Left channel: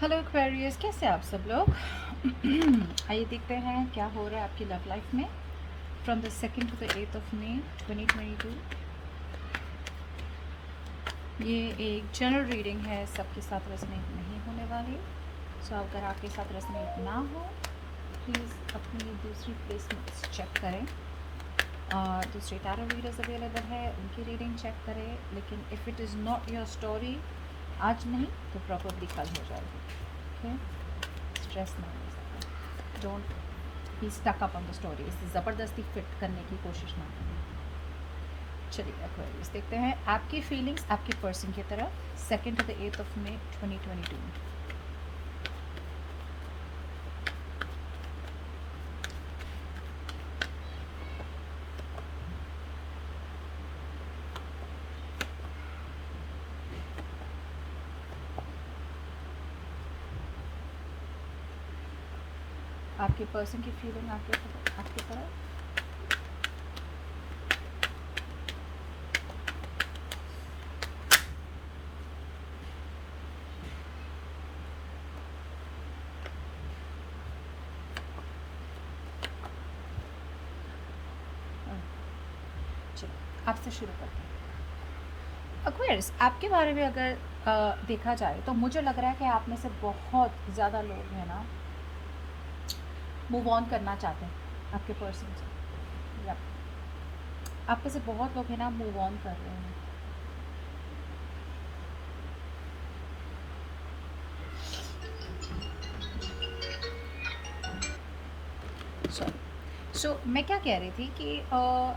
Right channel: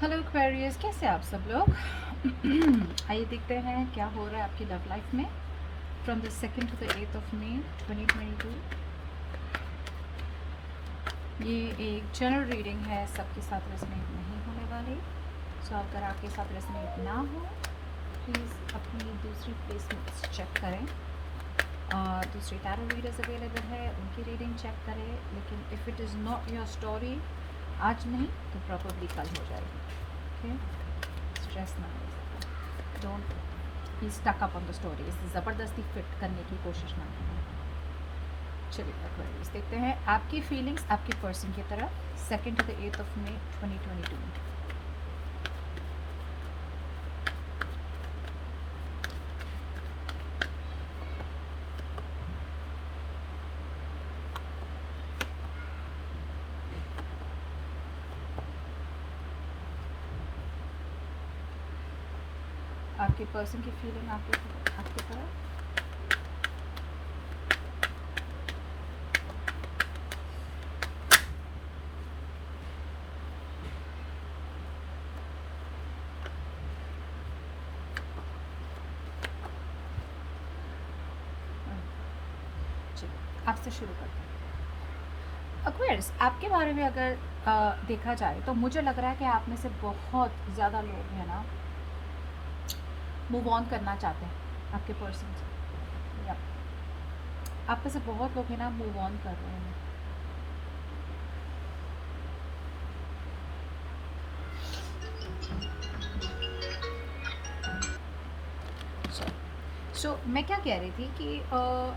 Hello Aquarius, कैसे आप सब लोग? आइए देखते हैं क्या हो रहा है आपकी लव लाइफ में from the 2nd to the 8th of May 2022। ये एक जनरल रीडिंग है, सबके साथ रेजोनेट नहीं होने वाली। सो अगर आपके साथ रेजोनेट ना हो, प्लीज़ अपनी दूसरी प्लेसमेंट्स चेक करें और दूसरी टैरो रीडर्स अवेलेबल है, उनकी रीडिंग चेक करें। लेकिन if it is not your story आज नहीं तो प्रॉब्लली कल हो जाएगी। ओके, स्ट्रेस ना हो ज़्यादा, don't be stuck up on the stories, ज़बरदस्ती फिट करने की कोशिश ना करें। चलिए एक्वेरियस देखते हैं आपकी फीलिंग्स आपके पर्सन की तरफ 2nd to the 8th of May 2022 में। आपके पर्सन की फीलिंग आपके तरफ। चलो आपसे शुरू करते हैं। एक्वेरियस, आपके बारे में अगर देखा जाए तो मुझे लग रहा है कि आप में से बहुत ज़्यादा लोग हैं ना मूव ऑन करना चाहते हैं आपके पर्सन से, या आप में से बहुत लोग हैं ना मूव ऑन कर रहे हैं। सो मैं क्या कह रही थी कि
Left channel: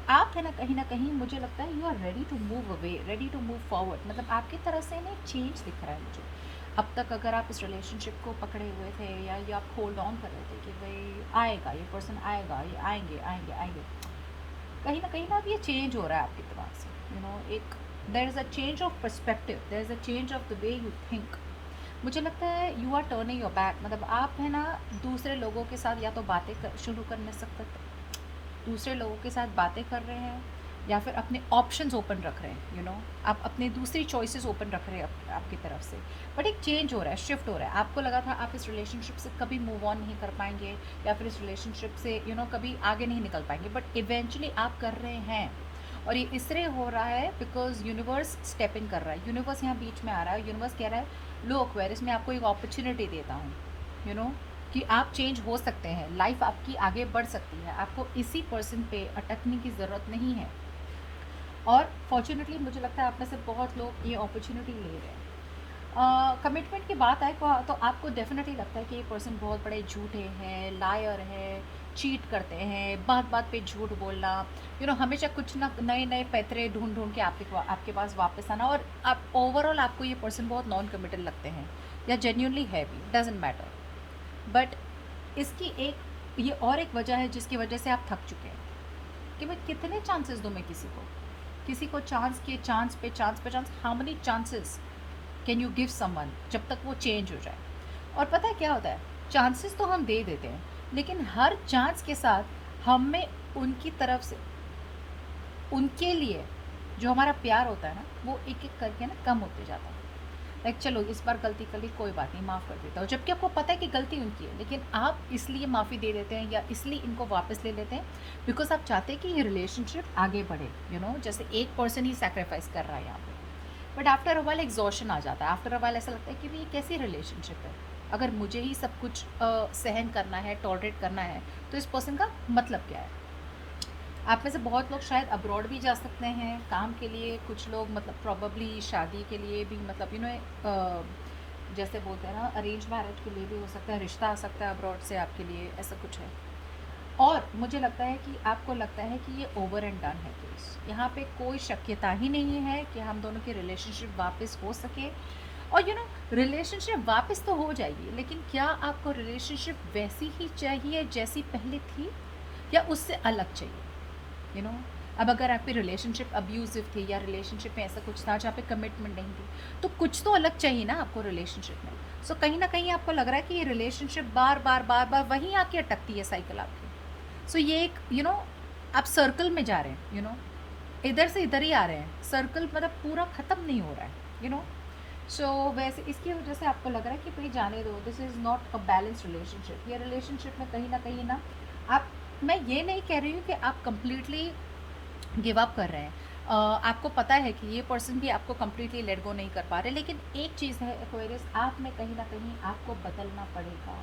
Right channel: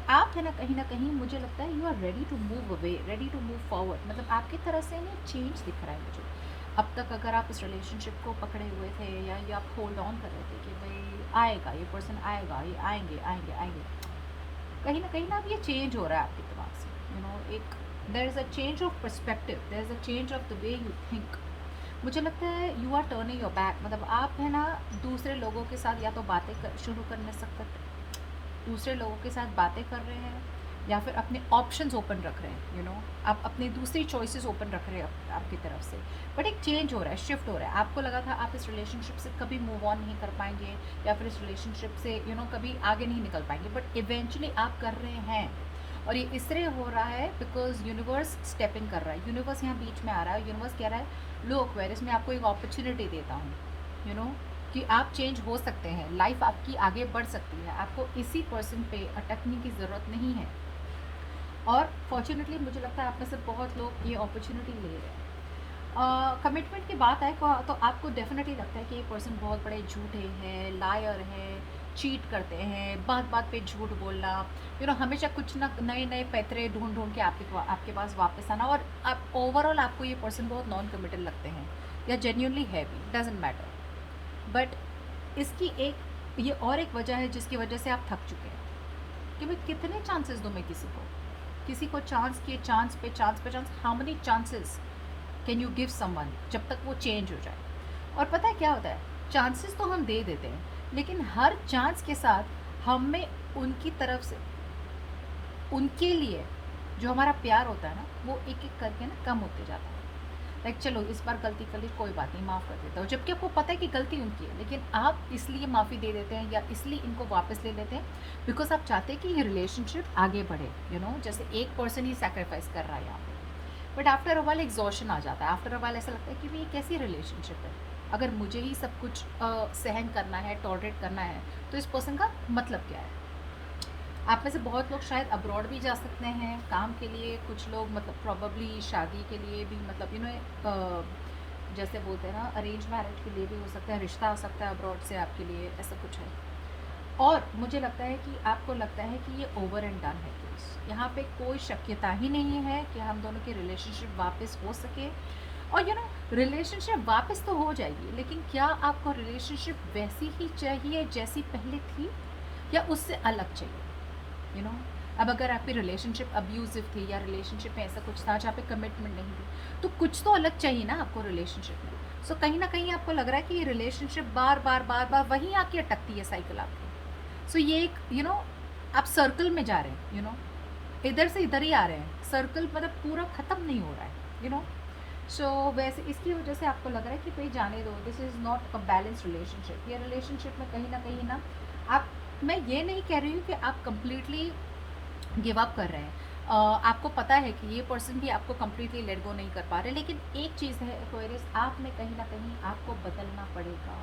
आप है ना कहीं मुझे लगता है you are ready to move away, ready to move forward. मतलब आपकी तरह से ना चेंज दिख रहा है मुझे। अब तक अगर आप इस रिलेशनशिप को पकड़े हुए थे या ये आप होल्ड ऑन कर रहे थे कि भाई आएगा ये पर्सन, आएगा ये, आएंगे आएंगे आएंगे, कहीं ना अब ये चेंज हो रहा है आपके दिमाग से। एक there is a change of perspective, there is a change of the way you think. मुझे लगता है you are turning your back. मतलब आप है ना दूसरे लोगों के साथ या तो शुरू करने सकते, दूसरे लोगों के साथ बातें कर रहे हैं या फिर अपने ऑप्शंस ओपन रख रहे हैं। आप अपने दूसरी चॉइसेस ओपन रख रहे हैं आपकी तरफ से। बट एक चेंज हो रहा है, शिफ्ट हो रहा है। आपको लगा था आप इस रिलेशनशिप से कभी मूव ऑन नहीं कर पाएंगे या फिर इस रिलेशनशिप से कभी आगे नहीं निकल पाएंगे, बट इवेंचुअली आप कर रहे हैं। और ये इसलिए हो रहा है बिकॉज यूनिवर्स स्टेप इन कर रहा है। यूनिवर्स यहाँ बीच में आ रहा है। यूनिवर्स कह रहा है लो एक्वेरियस, मैं आपको एक अपॉर्चुनिटी देता हूँ कि आप चेंज हो सकते हैं, लाइफ आपकी आगे बढ़ सकती है, आपको इसी पर्सन पे अटकने की ज़रूरत नहीं है। और फॉर्चुनेटली मुझे लगता है आप में से बहुत लोग ये अपॉर्चुनिटी ले रहे हैं। कमिटमेंट की बात आए तो आपको डेफिनेटली लगता है कि ये पर्सन बहुत बड़े झूठे हैं, लायर हैं, चीट करते हैं, बात बात पे झूठ बोलना, हमेशा कुछ ना नए नए पैतरे ढूंढ ढूंढ के आपके पास वापस आना। और आप ओवरऑल आपको ये पर्सन बहुत नॉन कमिटेड लगते हैं या जेन्यूनली है भी, डजेंट मैटर। बट इसकी ये और एक वजह है जिसकी वजह से आप थक चुके हैं कि भाई कितने चांसेस दूँ मैं किसी को चांस के चांस पे चांस पे chance, how many chances can you give someone जब तक वो चेंज हो जाए। और पता है क्या होता है, चांसेस तो हम दे देते हैं लेकिन हर चांस के साथ हमें उनकी तरफ से उनके लिए जो हमारा प्यार होता है ना वो एक एक करके ना कम होते जाता है। लाइक चलो इस बार गलती कर ली, कोई बात नहीं, माफ़ कर देता हूँ, जबकि आपको पता है कि गलती उनकी है, लेकिन आप इसलिए माफ़ी दे देते हैं या इसलिए इनको वापस ले लेते हैं बिकॉज आप चाहते हैं कि ये रिलेशनशिप आगे बढ़े। जैसे एक पर्सन ही सेक्रीफाइस कर रहा है यहाँ पे, but after a while exhaustion आ जाता है। आफ्टर अ वाइल ऐसा लगता है कि भाई ये कैसी रिलेशनशिप है, अगर मुझे ही सब कुछ सहन करना है, टॉलरेट करना है, तो इस पर्सन का मतलब क्या है। आप में से बहुत लोग शायद अब्रॉड भी जा सकते हैं काम के लिए, कुछ लोग मतलब प्रॉबली शादी के लिए भी, मतलब जैसे बोलते हैं ना अरेंज मैरिज के लिए भी हो सकता है, रिश्ता आ सकता है अब्रॉड से आपके लिए, ऐसा कुछ है। और मुझे लगता है कि आपको लगता है कि ये ओवर एंड डन है केस, यहाँ पे कोई शक्यता ही नहीं है कि हम दोनों की रिलेशनशिप वापस हो सके। और रिलेशनशिप वापस तो हो जाएगी, लेकिन क्या आपको रिलेशनशिप वैसी ही चाहिए जैसी पहले थी या उससे अलग चाहिए। यू नो अब अगर आपकी रिलेशनशिप अब्यूजिव थी या रिलेशनशिप में ऐसा कुछ था जहाँ पे कमिटमेंट नहीं थी, तो कुछ तो अलग चाहिए ना आपको रिलेशनशिप में। सो कहीं ना कहीं आपको लग रहा है कि ये रिलेशनशिप बार बार बार बार वहीं आके अटकती है साइकिल आपकी। सो ये एक आप सर्कल में जा रहे हैं, इधर से इधर ही आ रहे हैं, सर्कल मतलब पूरा ख़त्म नहीं हो रहा है। सो वैसे इसकी वजह से आपको लग रहा है कि भाई जाने दो, this is not a balance relationship. ये रिलेशनशिप में कहीं ना आप, मैं ये नहीं कह रही हूँ कि आप कंप्लीटली गिव अप कर रहे हैं। आपको पता है कि ये पर्सन भी आपको कम्प्लीटली लेट गो नहीं कर पा रहे, लेकिन एक चीज़ है एक्वेरियस, आप में कहीं ना कहीं आपको बदलना पड़ेगा।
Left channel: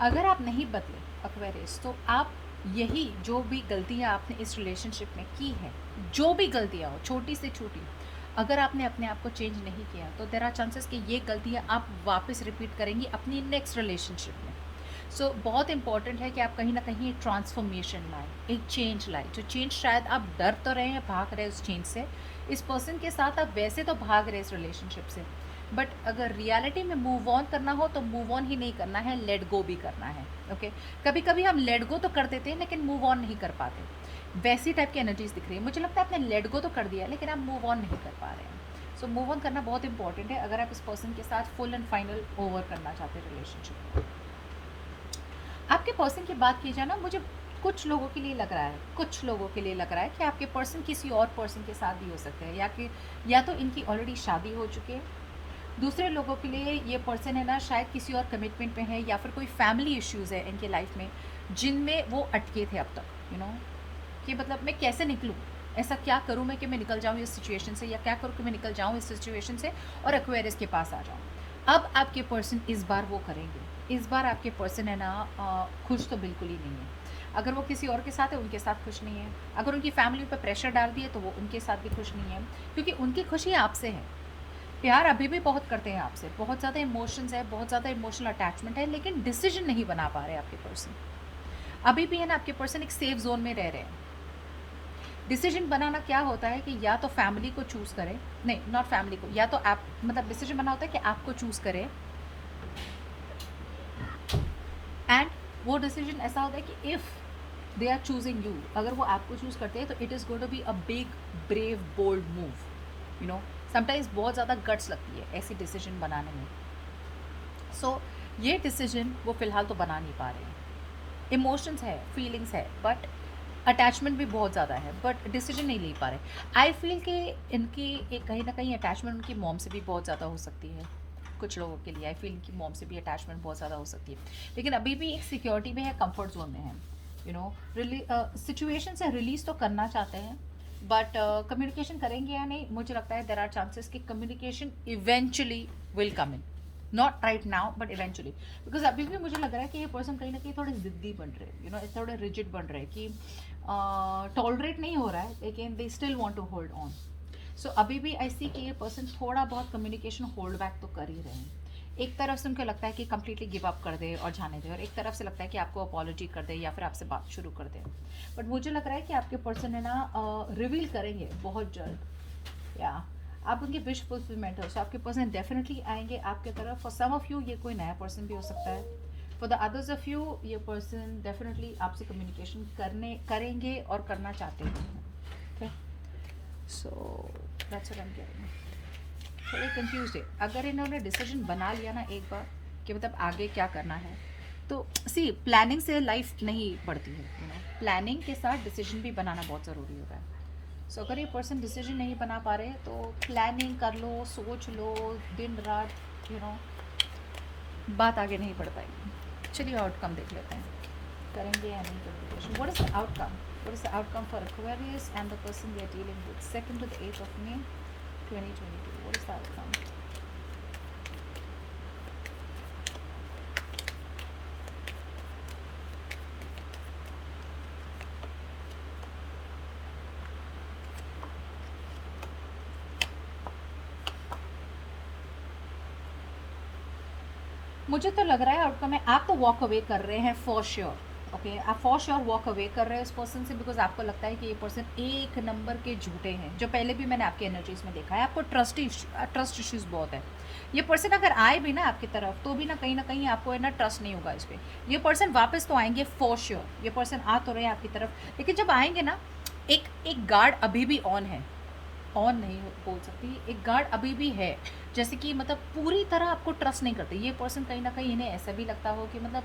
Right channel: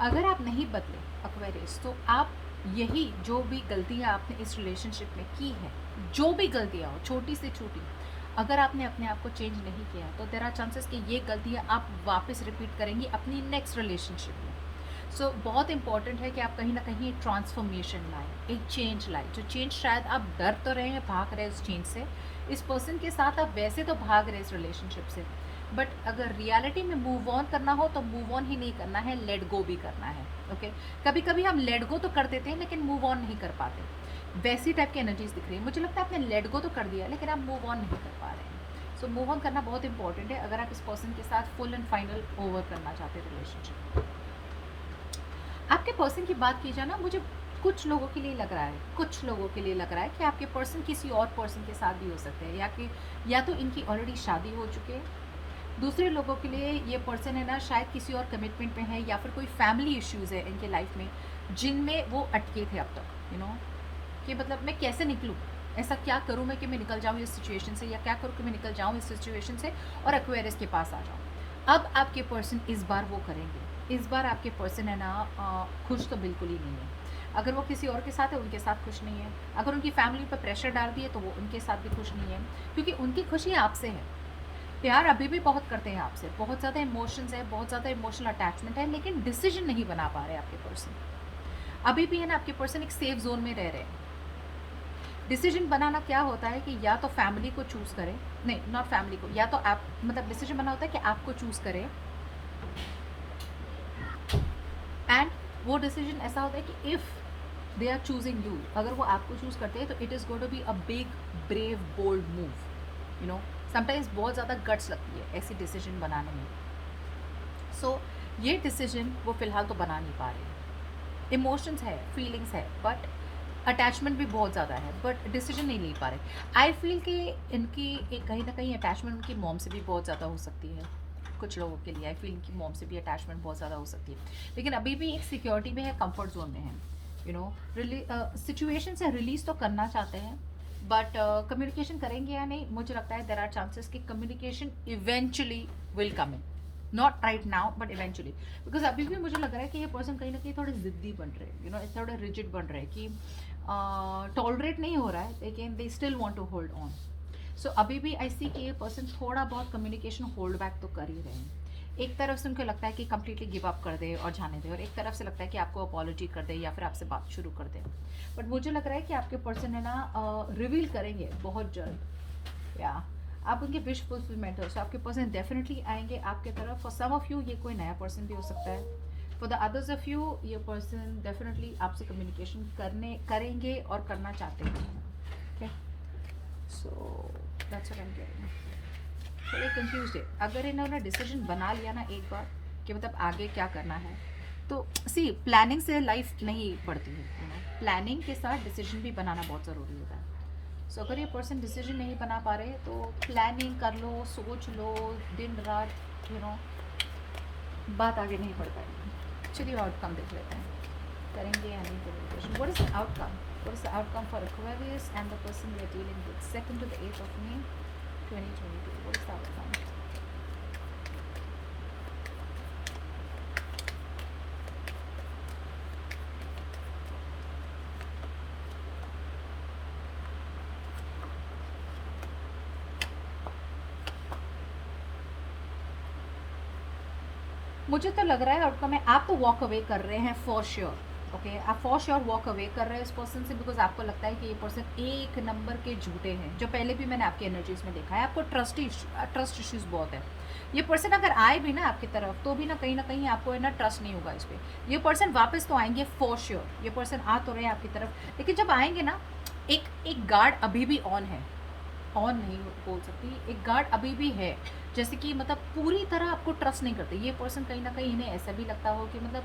अगर आप नहीं बदले एक्वेरियस, तो आप यही जो भी गलतियाँ आपने इस रिलेशनशिप में की है, जो भी गलतियाँ हो छोटी से छोटी, अगर आपने अपने आप को चेंज नहीं किया तो देयर आर चांसेस कि ये गलतियाँ आप वापस रिपीट करेंगी अपनी नेक्स्ट रिलेशनशिप में। सो बहुत इंपॉर्टेंट है कि आप कहीं ना कहीं एक ट्रांसफॉर्मेशन लाएं, एक चेंज लाएं। जो चेंज शायद आप डर तो रहे हैं, भाग रहे हैं उस चेंज से, इस पर्सन के साथ आप वैसे तो भाग रहे हैं इस रिलेशनशिप से, बट अगर रियलिटी में मूव ऑन करना हो तो मूव ऑन ही नहीं करना है, लेट गो भी करना है। ओके, कभी कभी हम लेट गो तो कर देते हैं लेकिन मूव ऑन नहीं कर पाते। वैसी टाइप की एनर्जीज दिख रही है, मुझे लगता है आपने लेट गो तो कर दिया लेकिन आप मूव ऑन नहीं कर पा रहे हैं। सो मूव ऑन करना बहुत इंपॉर्टेंट है अगर आप इस पर्सन के साथ फुल एंड फाइनल ओवर करना चाहते हैं रिलेशनशिप। आपके पर्सन की बात की जाए ना, मुझे कुछ लोगों के लिए लग रहा है, कुछ लोगों के लिए लग रहा है कि आपके पर्सन किसी और पर्सन के साथ भी हो सकते हैं, या तो इनकी ऑलरेडी शादी हो चुकी है। दूसरे लोगों के लिए ये पर्सन है ना शायद किसी और कमिटमेंट में है, या फिर कोई फैमिली इश्यूज़ है इनके लाइफ में जिनमें वो अटके थे अब तक, कि मतलब मैं कैसे निकलूँ, ऐसा क्या करूँ मैं कि मैं निकल जाऊँ इस सिचुएशन से, या क्या करूँ कि मैं निकल जाऊँ इस सिचुएशन से और एक्वेरियस के पास आ जाऊँ। अब आपके पर्सन इस बार वो करेंगे। इस बार आपके पर्सन है ना खुश तो बिल्कुल ही नहीं है। अगर वो किसी और के साथ है उनके साथ खुश नहीं है, अगर उनकी फैमिली पर प्रेशर डाल दिए तो वो उनके साथ भी खुश नहीं है, क्योंकि उनकी खुशी आपसे है। प्यार अभी भी बहुत करते हैं आपसे, बहुत ज़्यादा इमोशंस है, बहुत ज़्यादा इमोशनल अटैचमेंट है, लेकिन डिसीजन नहीं बना पा रहे आपके पर्सन। अभी भी है ना आपके पर्सन एक सेफ जोन में रह रहे हैं। डिसीजन बनाना क्या होता है कि या तो फैमिली को चूज़ करें, नहीं नॉट फैमिली को, या तो आप, मतलब डिसीजन बना होता है कि आपको चूज़ करें, एंड वो डिसीजन ऐसा होता है कि if they are choosing you, अगर वो आपको चूज़ करते हैं तो it is going to be a big brave bold move. Sometimes बहुत ज़्यादा गट्स लगती है ऐसी डिसीजन बनाने में। सो ये डिसीजन वो फ़िलहाल तो बना नहीं पा रहे। इमोशंस है, फीलिंग्स है, बट अटैचमेंट भी बहुत ज़्यादा है, बट डिसीजन नहीं ले पा रहे। आई फील कि इनकी एक कहीं ना कहीं अटैचमेंट उनकी मॉम से भी बहुत ज़्यादा हो सकती है। कुछ लोगों के लिए आई फील इनकी मॉम से भी अटैचमेंट बहुत ज़्यादा हो सकती है, लेकिन अभी भी एक सिक्योरिटी में है, कंफर्ट जोन में है। सिचुएशन से रिलीज तो करना चाहते हैं, बट कम्युनिकेशन करेंगे या नहीं, मुझे लगता है देर आर चांसेस कि communication eventually will come in, not right now but eventually. Because अभी भी मुझे लग रहा है कि ये पर्सन कहीं ना कहीं थोड़े जिद्दी बन रहे हैं, थोड़े रिजिड बन रहे हैं, कि टॉलरेट नहीं हो रहा है लेकिन they still want to hold on. So अभी भी आई सी कि ये पर्सन थोड़ा बहुत कम्युनिकेशन होल्ड बैक तो कर ही रहे हैं। एक तरफ से उनको लगता है कि कम्प्लीटली गिव अप कर दे और जाने दे, और एक तरफ से लगता है कि आपको अपॉलॉजी कर दे या फिर आपसे बात शुरू कर दे। बट मुझे लग रहा है कि आपके पर्सन है ना रिवील करेंगे बहुत जल्द, या आप उनके विश फुलफिलमेंट हो, सो आपके पर्सन डेफिनेटली आएंगे आपके तरफ। फॉर सम ऑफ यू ये कोई नया पर्सन भी हो सकता है, for the others of you ये पर्सन डेफिनेटली आपसे कम्युनिकेशन करेंगे और करना चाहते हैं। Okay, so that's what I am getting. थोड़े कंफ्यूज है। अगर इन्होंने डिसीजन बना लिया ना एक बार कि मतलब आगे क्या करना है, तो सी प्लानिंग से लाइफ नहीं बढ़ती है, प्लानिंग के साथ डिसीजन भी बनाना बहुत ज़रूरी होता है। सो अगर ये पर्सन डिसीजन नहीं बना पा रहे तो प्लानिंग कर लो, सोच लो दिन रात, बात आगे नहीं बढ़ पाएगी। चलिए आउटकम देख लेते हैं, करेंगे या नहीं communication. What is the outcome? What is the outcome for Aquarius and the person we are dealing with? 2nd to the 8th of May 2022. What is the outcome? मुझे तो लग रहा है आउटकम है आप तो वॉक अवे कर रहे हैं फॉर श्योर। ओके, आप फॉर श्योर वॉक अवे कर रहे हैं इस पर्सन से, बिकॉज आपको लगता है कि ये पर्सन एक नंबर के झूठे हैं, जो पहले भी मैंने आपके एनर्जीज में देखा है। आपको ट्रस्ट इश्यूज़ बहुत है। ये पर्सन अगर आए भी ना आपकी तरफ तो भी ना कहीं आपको है ना ट्रस्ट नहीं होगा इस पर। ये पर्सन वापस तो आएंगे फॉर श्योर, ये पर्सन आ तो रहे हैं आपकी तरफ, लेकिन जब आएंगे ना एक गार्ड अभी भी ऑन है, ऑन नहीं बोल सकती, एक गार्ड अभी भी है, जैसे कि मतलब पूरी तरह आपको ट्रस्ट नहीं करते ये पर्सन। कहीं ना कहीं इन्हें ऐसा भी लगता हो कि मतलब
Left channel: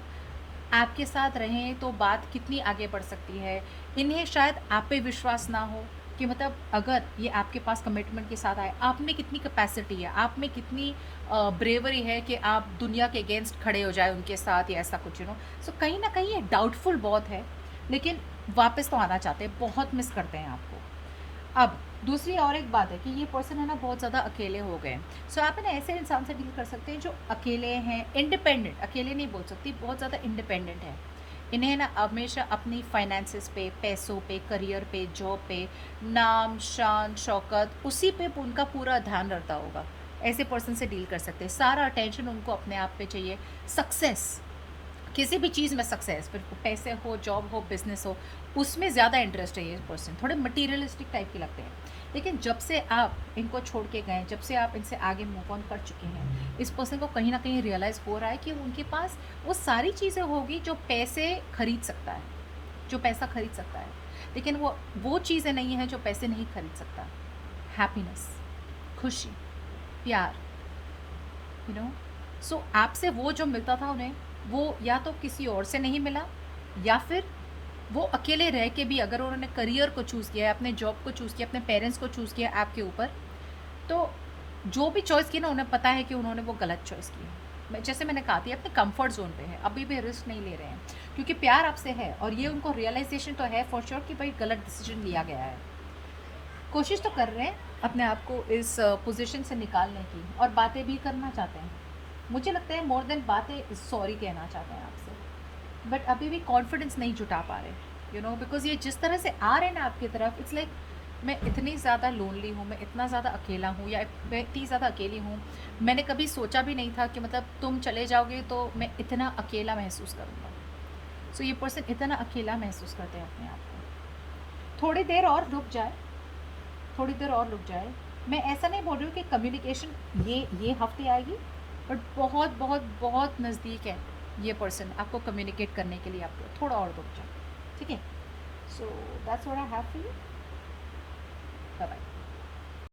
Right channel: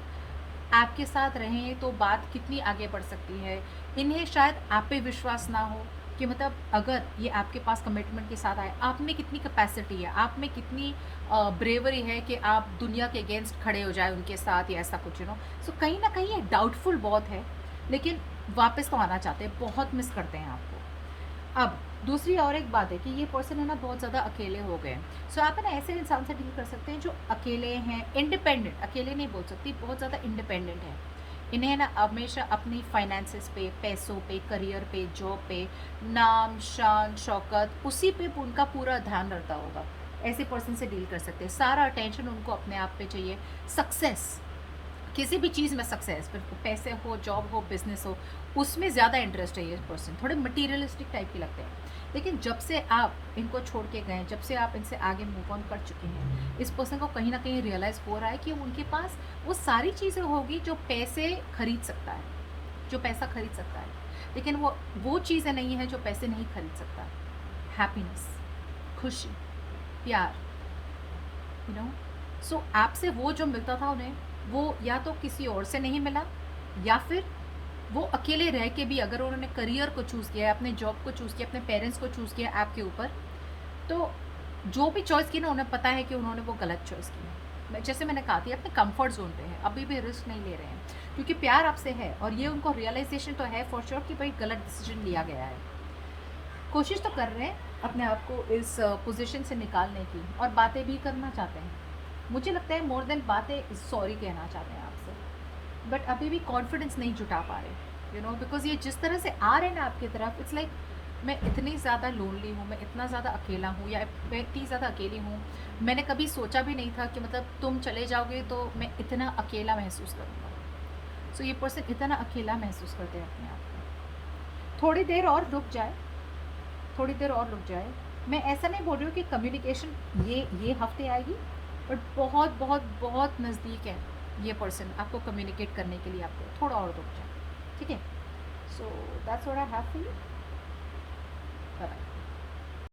आपके साथ रहें तो बात कितनी आगे बढ़ सकती है, इन्हें शायद आप पे विश्वास ना हो कि मतलब अगर ये आपके पास कमिटमेंट के साथ आए, आप में कितनी कैपेसिटी है, आप में कितनी ब्रेवरी है कि आप दुनिया के अगेंस्ट खड़े हो जाए उनके साथ या ऐसा कुछ, सो कहीं ना कहीं ये डाउटफुल बहुत है, लेकिन वापस तो आना चाहते हैं, बहुत मिस करते हैं आपको। अब दूसरी और एक बात है कि ये पर्सन है ना बहुत ज़्यादा अकेले हो गए हैं। सो आप है ना ऐसे इंसान से डील कर सकते हैं जो अकेले हैं, इंडिपेंडेंट, अकेले नहीं बोल सकती, बहुत ज़्यादा इंडिपेंडेंट है। इन्हें ना हमेशा अपनी फाइनेंसिस पे, पैसों पे, करियर पे, जॉब पे, नाम शान शौकत, उसी पे उनका पूरा ध्यान रहता होगा। ऐसे पर्सन से डील कर सकते हैं, सारा अटेंशन उनको अपने आप पे चाहिए। सक्सेस, किसी भी चीज़ में सक्सेस, फिर पैसे हो, जॉब हो, बिजनेस हो, उसमें ज़्यादा इंटरेस्ट है ये पर्सन, थोड़े मटीरियलिस्टिक टाइप के लगते हैं। लेकिन जब से आप इनको छोड़ के गए, जब से आप इनसे आगे मूव ऑन कर चुके हैं, इस पर्सन को कहीं ना कहीं रियलाइज़ हो रहा है कि उनके पास वो सारी चीज़ें होगी जो पैसे खरीद सकता है, जो पैसा खरीद सकता है, लेकिन वो चीज़ें नहीं है जो पैसे नहीं खरीद सकता। हैप्पीनेस, खुशी, प्यार, यू नो। सो आपसे वो जो मिलता था उन्हें, वो या तो किसी और से नहीं मिला, या फिर वो अकेले रह के भी अगर उन्होंने करियर को चूज़ किया है, अपने जॉब को चूज़ किया, अपने पेरेंट्स को चूज़ किया आपके ऊपर, तो जो भी चॉइस की ना उन्हें पता है कि उन्होंने वो गलत चॉइस की है। जैसे मैंने कहा था, अपने कंफर्ट जोन पे है, अभी भी रिस्क नहीं ले रहे हैं, क्योंकि प्यार आपसे है और ये उनको रियलाइजेशन तो है फॉर श्योर कि भाई गलत डिसीजन लिया गया है। कोशिश तो कर रहे हैं अपने आप को इस पोजीशन से निकालने की, और बातें भी करना चाहते हैं। मुझे लगता है मोर देन बातें, सॉरी कहना चाहते हैं आपसे, बट अभी भी कॉन्फिडेंस नहीं जुटा पा रहे, बिकॉज ये जिस तरह से आ रहे हैं ना आपकी तरफ, इट्स लाइक मैं इतनी ज़्यादा लोनली हूँ, मैं इतना ज़्यादा अकेला हूँ, या मैं इतनी ज़्यादा अकेली हूँ, मैंने कभी सोचा भी नहीं था कि मतलब तुम चले जाओगे तो मैं इतना अकेला महसूस करूँगा। सो ये पर्सन इतना अकेला महसूस करते हैं अपने आप को। थोड़ी देर और रुक जाए, थोड़ी देर और रुक जाए। मैं ऐसा नहीं बोल रही हूँ कि कम्युनिकेशन ये हफ्ते आएगी, बट बहुत बहुत बहुत नज़दीक है ये पर्सन आपको कम्युनिकेट करने के लिए, आपको थोड़ा और रुक जाए, ठीक है। So that's what I have for you.